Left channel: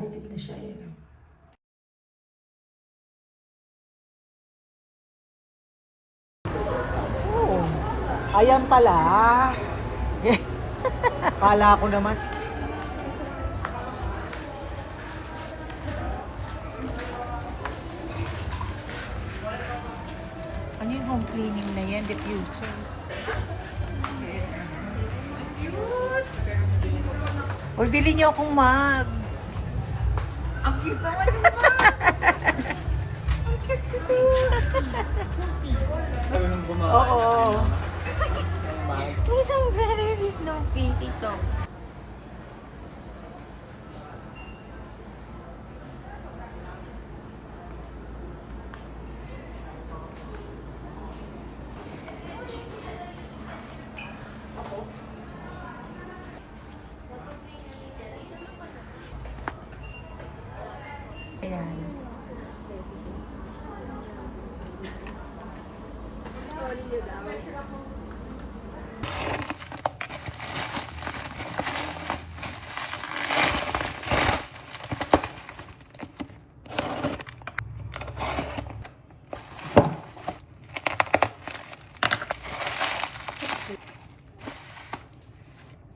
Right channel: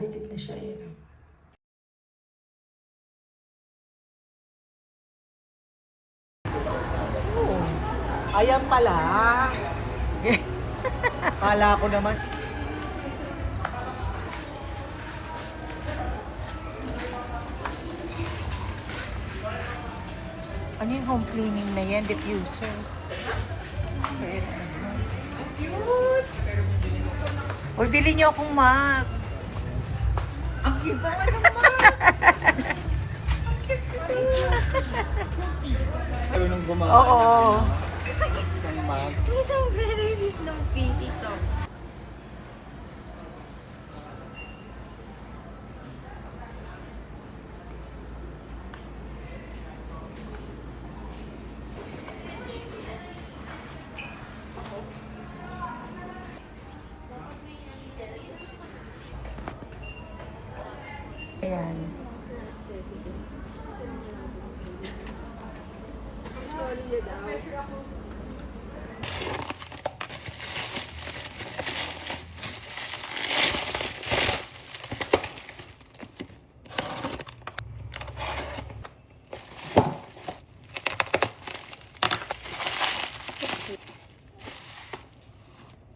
nakadikit na siya. Yan. Ayan pala. Kala ko naman. Ano yung home cleaning na yan? Diffuser. Uy, bili niyo akong mug. Ang kita. Marunong gumawa. Oo. May sombrero ni Snoopy, Tito. Ayan.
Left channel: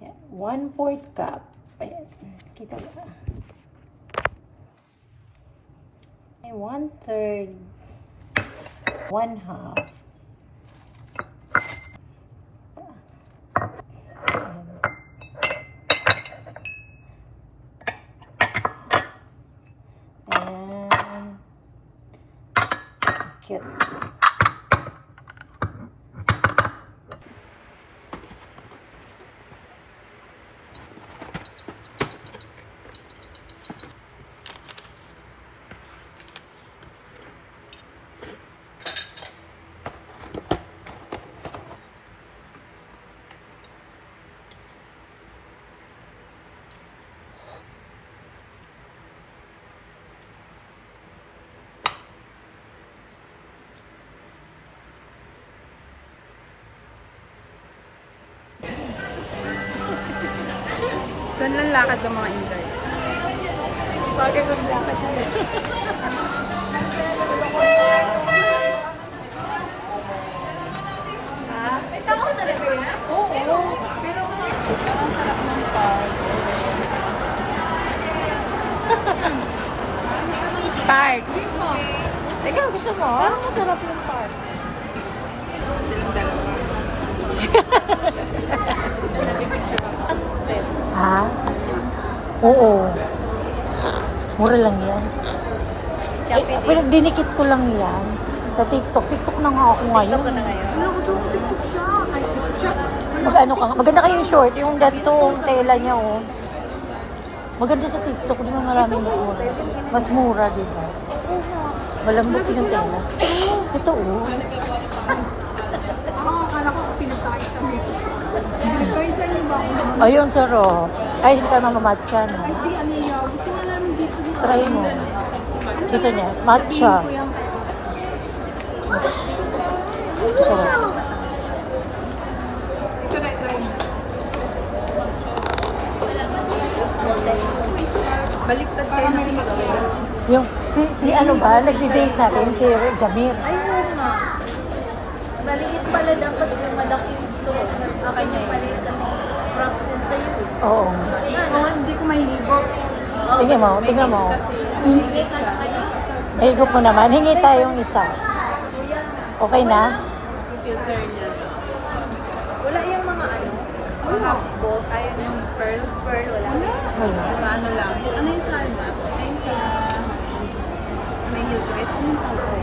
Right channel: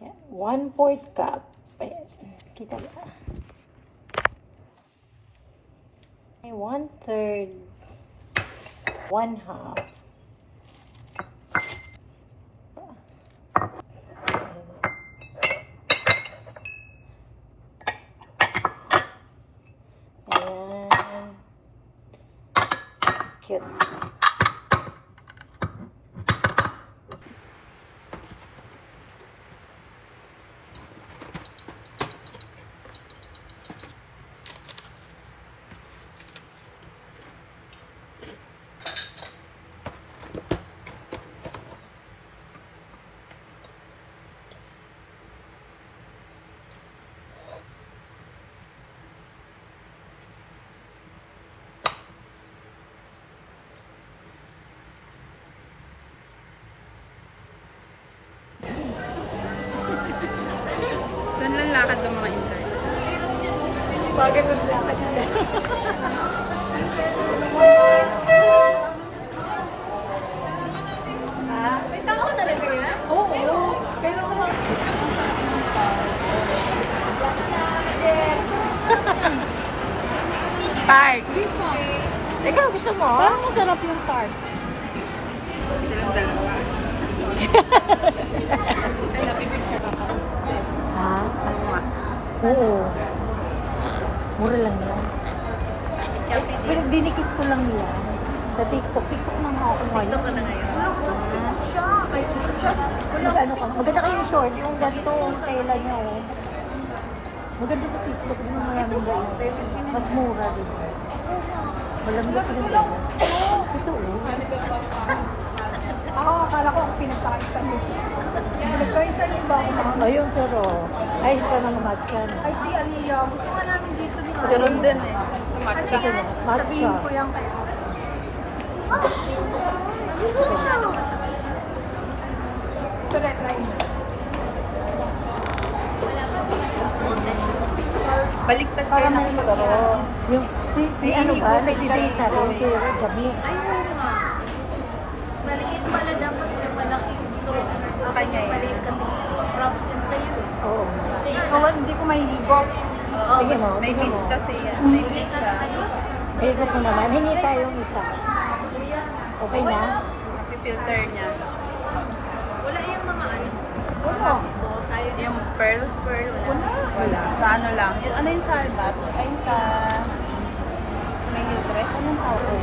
Ayan, 1/4 cup. Ayan, kita ba? 1/3, 1/2. Ayan. Cute. Saan lang lakad ng mga inside? Bagal ng lakad nila. Ha? May tao talaga yan? Oo. Pero Ang sarap ng park. tart. Ikaw, gusto mo? Masarap yung park. Silang dalawa. Napipicture ako. Ha? Oo. Mura lang yan. Pero dinikit ko lang yan. Sa TikTok. TikTok na nga ako ngayon. Wala, gusto kong TikTok siya. Ay, TikTok siya. Ano ka? Maganda kayo yung short. Yung ganito, yung tela niya, oh. Maganda sa TikTok. Di ba maraming mas mura, di ba? Malambot yung tela. Ito, oh. Ako, akala ko pinagkaitan niyo. Pinagkaitan niyo ba ako? Ayun, sarap. Ay, hindi ka na mamatkan. Ay, si Aniya. Gusto nga namin dito. Try mo. Ano Gusto yan? niya? Matcha. Sabihin ko yan kaya. Sarap. Try mo. Baliktad kayo na Yung, si ano ba? Nag-date natin, si Jamil. Ayun na. Maliit pala dapat na malaki store. Sa kanya yun. Oo. Kawan, hindi ko mahiligo. Tingnan mo, tingnan mo. Higop mo naman. Hingi tayong isa. Okay na? Filter niya. Wala yung mga ano? Wala. Yung pearl? Wala. Wala. Sa ano lang. Ano yung sa bat? Ay, sa... May dress. Anong tawag?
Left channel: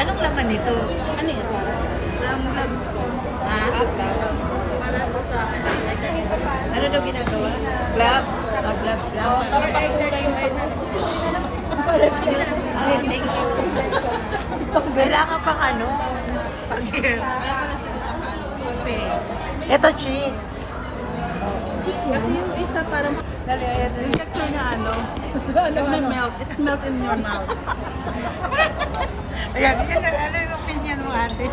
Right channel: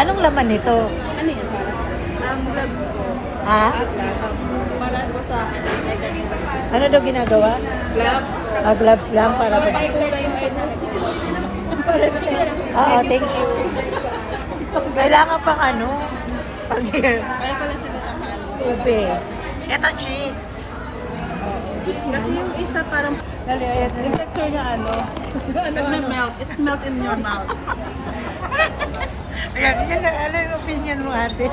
Anong laman nito? Ano yan? Para sa... gloves ko. Ha? Gloves. Para po sa... Ano daw ginagawa? Gloves. Gloves lang para... Para pang kulay mo ito. Oo, thank you. Kailangan pang ano? Pang hair. Kaya pala sa isang ano. Ube. Ito cheese. Kasi yung isa parang... Dali, ayan. Yung texture niya ano? Nag-melt. It's melt in your mouth. Ayan, ano yung opinion mo, ate?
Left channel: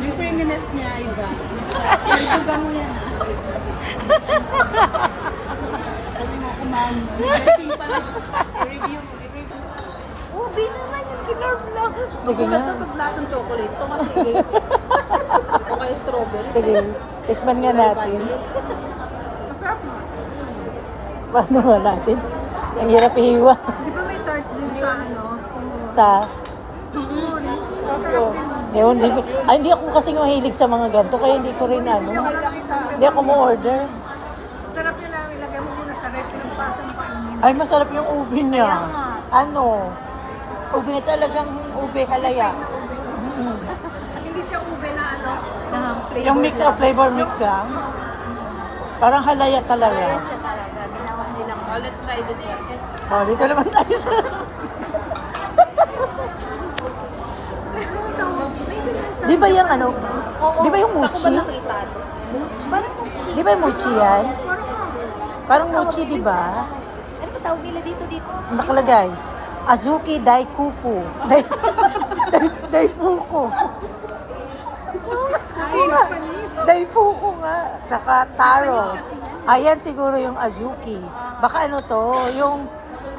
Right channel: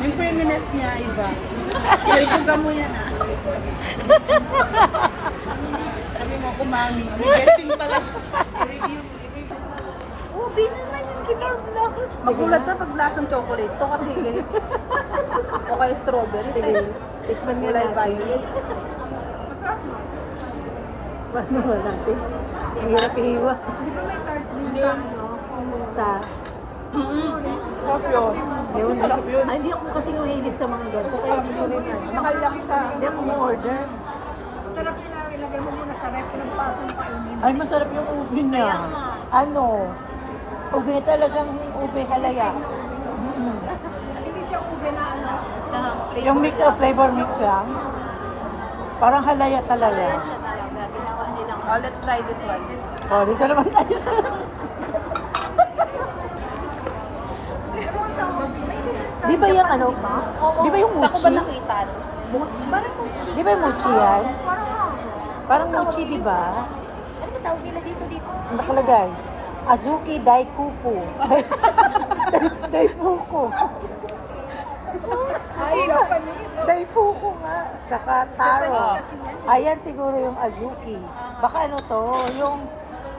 Yung creaminess niya, iba. Ibuga mo yan ah. Sabi mo, umami. Betching pala. Hindi naman yung kinurb lang. Magulat ka pag lasang chocolate. Ito kasi cake. O kaya strawberry. Sige, tikman nga natin. Masarap mo. Paano mo natin? Ang hirap ihiwa. Di ba may tart din sa ano? Sa, Sorry. Masarap din. yun, hindi ako kasi mahilig sa mga ganito, kaya hindi ko rin ano. Hindi ako mo-order. Sarap yun na ilagay mo muna sa rep. Pinampasan mo kainin. Ay, masarap yung ube niya. Ano? Ube talagang ube halaya. Mm. Hindi siya ube na ano? Na flavor. Yung mix of flavor mix lang. Parang halaya talaga. Oh, let's try this one. Oh, dito naman tayo sa... Di ba yung ano? Di ba yung mochi? Di ba yung mochi yan? Parang mochi, di ba? Ano ba tawag nila dito? Nakalagay. Azuki Daikufu. Daifuku. Ay, Japanese. Daifuku nga. Tsaka taro. Ayan siguro yung Azuki. Baka ano to? Yung,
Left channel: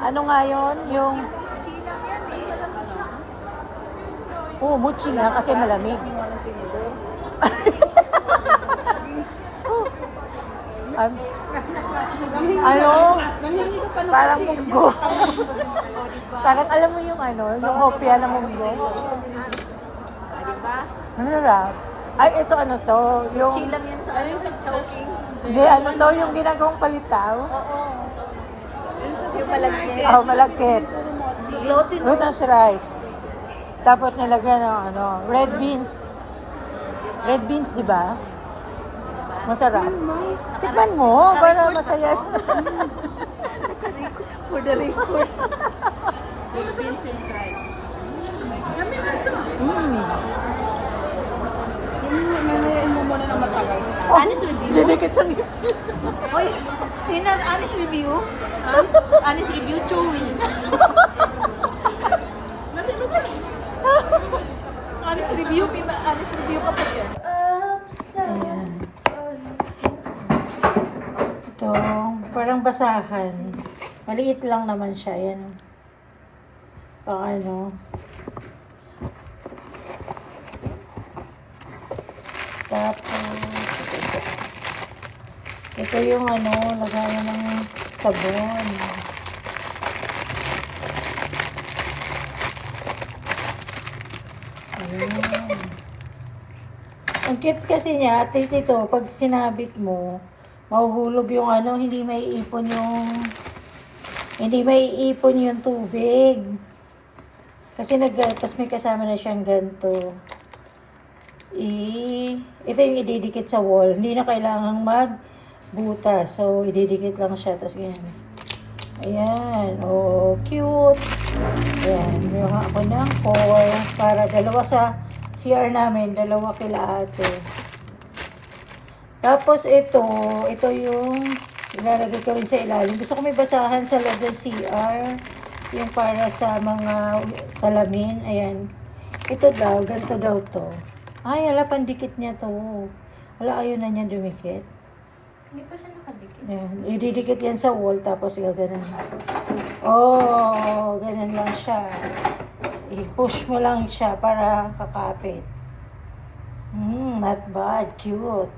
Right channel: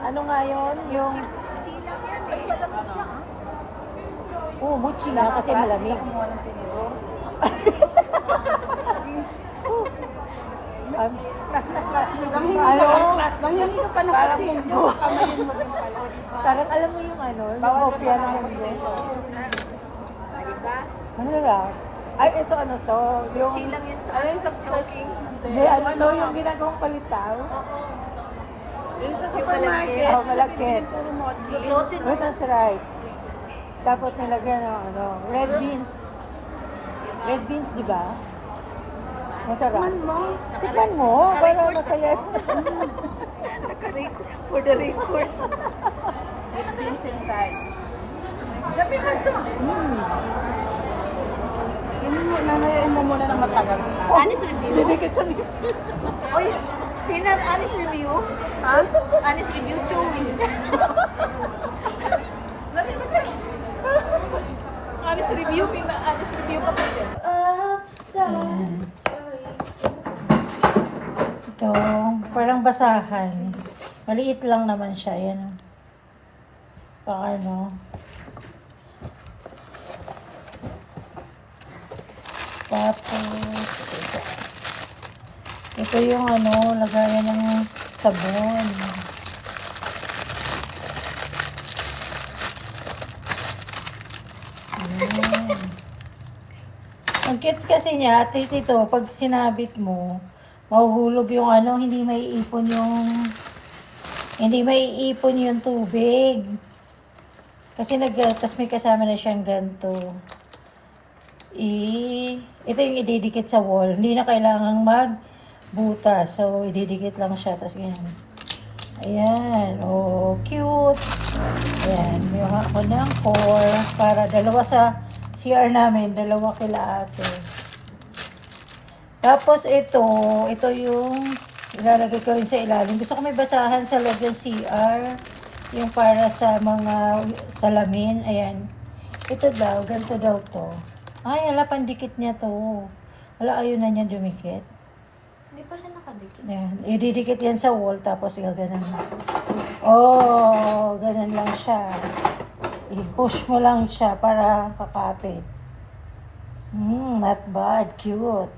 ano nga yun? Yung, oh, mochi nga kasi malamig. Class na class. Ano? Nangyayari ka na Parang kasi. munggo. Parang alam mo yung ano, yung kopya ng munggo. Masarap. Ay, ito ano to? Yung, lang yan sa ano yung sa sushi. hindi, ano to? Yung ginagawang palitaw? Yung sa supermarket. Oh, malagkit. Glutinous rice. Tapos nilagyan ng ano, red beans. Red beans, di ba? Masarap. Tikman mo, para masaya. For the record. With beans inside. Gabi ka siya. Nangyayari mo muna ng matagal. Honest review? Didikit ang Oy, Tinan, honest review? Ha? Honest review, Chewy. Sabi mo siya. Honest review, honest review pa po. Ito, parang basahan. Maliit lang naman siya. Yan. Pang ano. Tapos, ito yung ano, lagayan ng sabon. Ayan. Ang cute kasi niya, at least ito, pag sinabit mo, mahuhulog yung ano, hindi maiipon yung tubig. Kasi tas may kasama na siyang ganito. Ito yung ididikit sa wall. Hindi na kailangang magbutas. So, ididikit lang siya. Tapos ganyan. Ayan. Oh, cute. Ayan. May ako ng core. Para dalawa sa CR namin. Dalawa kila ate. Tapos ito yung ilalagay ko rin sa ilalim. Gusto ko may basahan sa loob ng CR. Yung para sa mga salamin. Ayan. Ito daw. Ganito daw to. Ay, hala, pandikit niya to. Hala, ayaw na niya dumikit. Hindi pa siya nakadikit. Ayan. Ididikit yan sa wall. Tapos gaganan. Oh, ganun lang siya. I-push mo lang siya para kakapit. Not bad. Cute.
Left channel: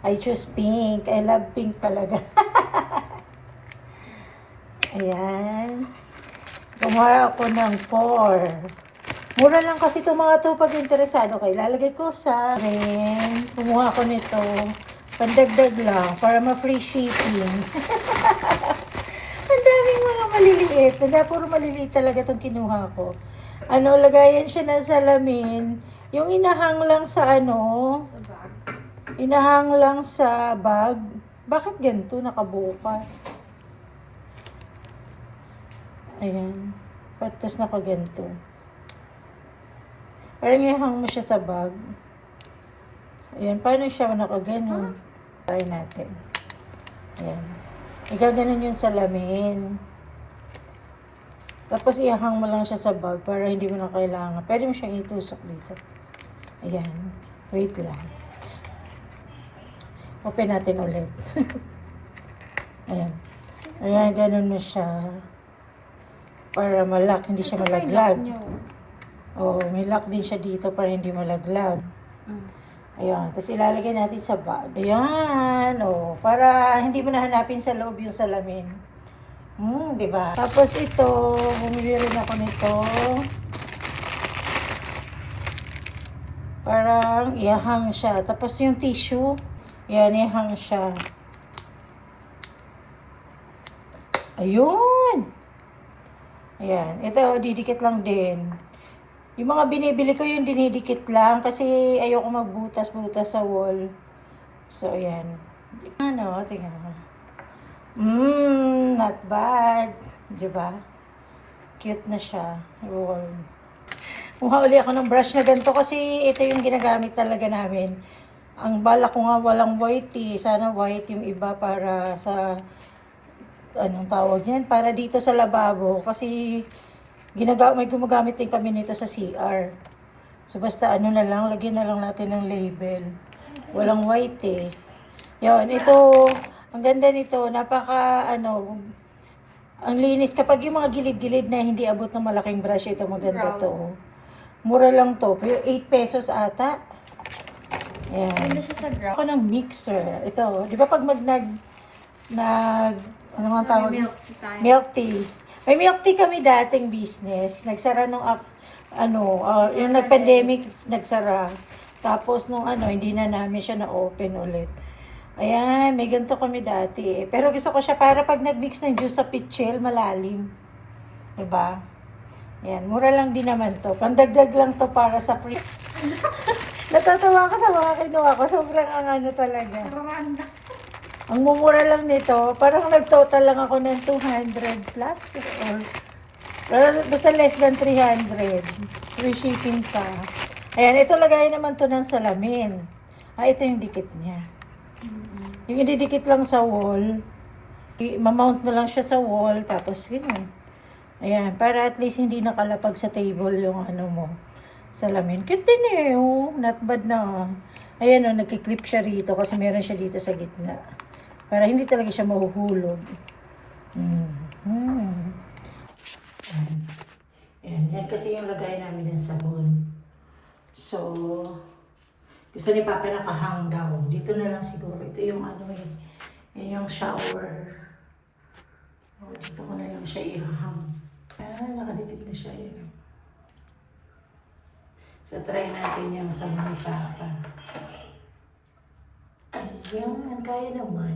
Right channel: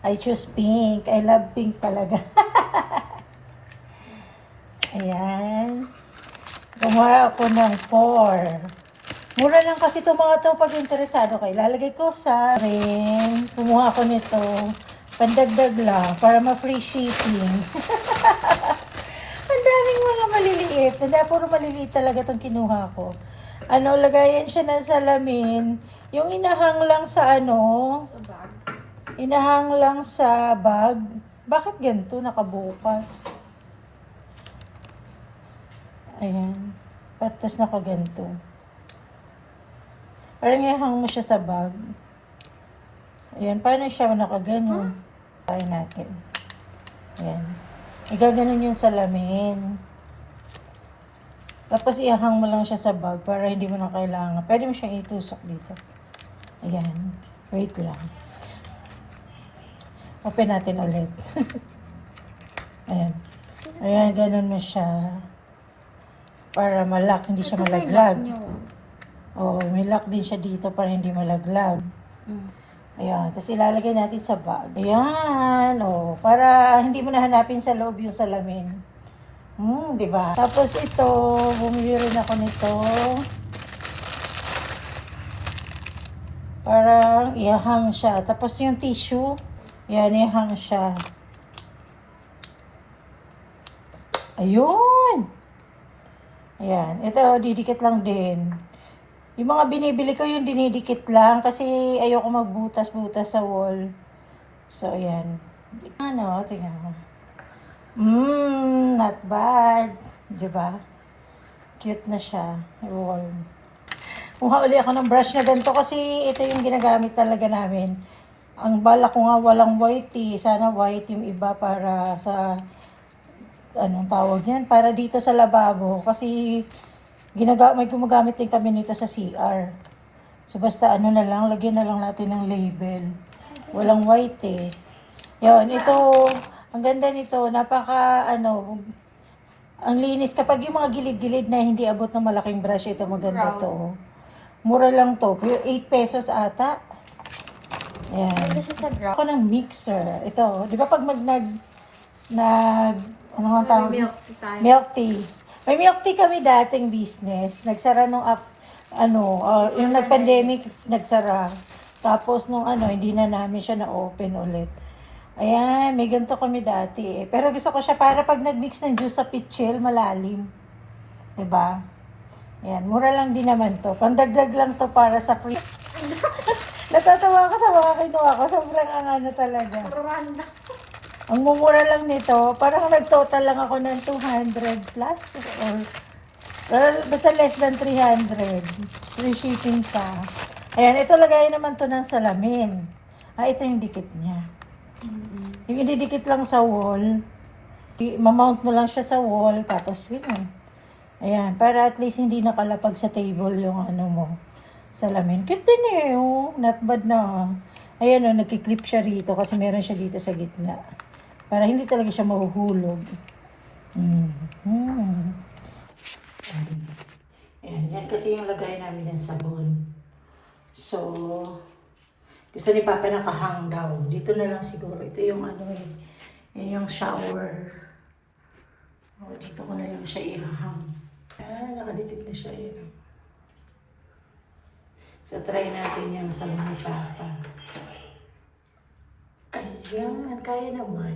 I choose pink. I love pink talaga. Ayan. Gumawa ako ng 4. Mura lang kasi itong mga to pag interesado kayo. Lalagay ko sa rin. Kumuha ko nito. Pandagdag lang para ma-free shipping. Ang daming mga maliliit. Puro maliliit talaga itong kinuha ko. Ano, lagayan siya ng salamin. Yung inahang lang sa ano, inahang lang sa bag. Bakit ganito? Nakabukas. Ayan. Tapos nakaganto. Parang ihang mo siya sa bag. Ayan. Paano siya nakaganon? Try natin. Ayan. Igaganon yung salamin. Tapos ihang mo lang siya sa bag para hindi mo na kailangan. Pwede mo siyang itusok dito. Ayan. Wait lang. Open natin ulit. Ayan. Ayan, ganun mo siya. Para malak, hindi siya malaglag. Oo, may lock din siya dito para hindi malaglag. Ayan, tapos ilalagay natin sa bag. Ayan, para hindi mo nahanapin sa loob yung salamin. Di ba? Tapos ito, bumili rin ako nito. Parang ihang siya. Tapos yung tissue, yan, ihang siya. Ayun! Ayan, ito, didikit lang din. Yung mga binibili ko, yung dinidikit lang kasi ayoko magbutas-butas sa wall. So, ayan. Ano, tingnan mo. Not bad. Diba? Cute na siya. Wall. Kumuha uli ako ng brush na ganito kasi ito yung ginagamit talaga namin. Ang bala ko nga walang white eh. Sana white yung iba para sa, anong tawag yan? Para dito sa lababo. Kasi may gumagamit din kami nito sa CR. So basta ano na lang, lagyan na lang natin ng label. Walang white eh. Yan, ito, ang ganda nito, ang linis. Kapag yung mga gilid-gilid na hindi abot ng malaking brush, ito maganda to. Mura lang to. Pero 8 pesos ata. Yan. Ako ng mixer. Ito, di ba pag ano nga tawag? Milk tea. May milk tea kami dating business. Nagsara nung, yung nag-pandemic, nagsara. Tapos nung hindi na namin siya na-open ulit. Ayan, may ganito kami dati. Pero gusto ko siya para pag nag-mix ng juice sa pitchel, malalim. Diba? Ayan, mura lang din naman to. Pandagdag lang to para sa free. Natatawa ko sa mga kinuha ko. Sobrang talaga. Ang mumura lang nito, parang nag-total lang ako ng 200 plus or basta less than 300. Free shipping pa. Ayan, ito lagay naman to ng salamin. Ito yung dikit niya. Yung ididikit lang sa wall, mamount mo lang siya sa wall, tapos yun. Ayan, para at least hindi nakalapag sa table yung salamin. Cute din eh, not bad na. Ayan nagkiklip siya rito kasi meron siya dito sa gitna. Para hindi talaga siya mahuhulog. Yan kasi yung lagay namin ng sabon. So, gusto ni Papa nakahang daw. Dito na lang siguro. Ito yung yan yung shower. Dito ko na lang siya ihahang. Nakadikit na siya yun. So, try natin yung sabon ni Papa. Ayan, kaya naman.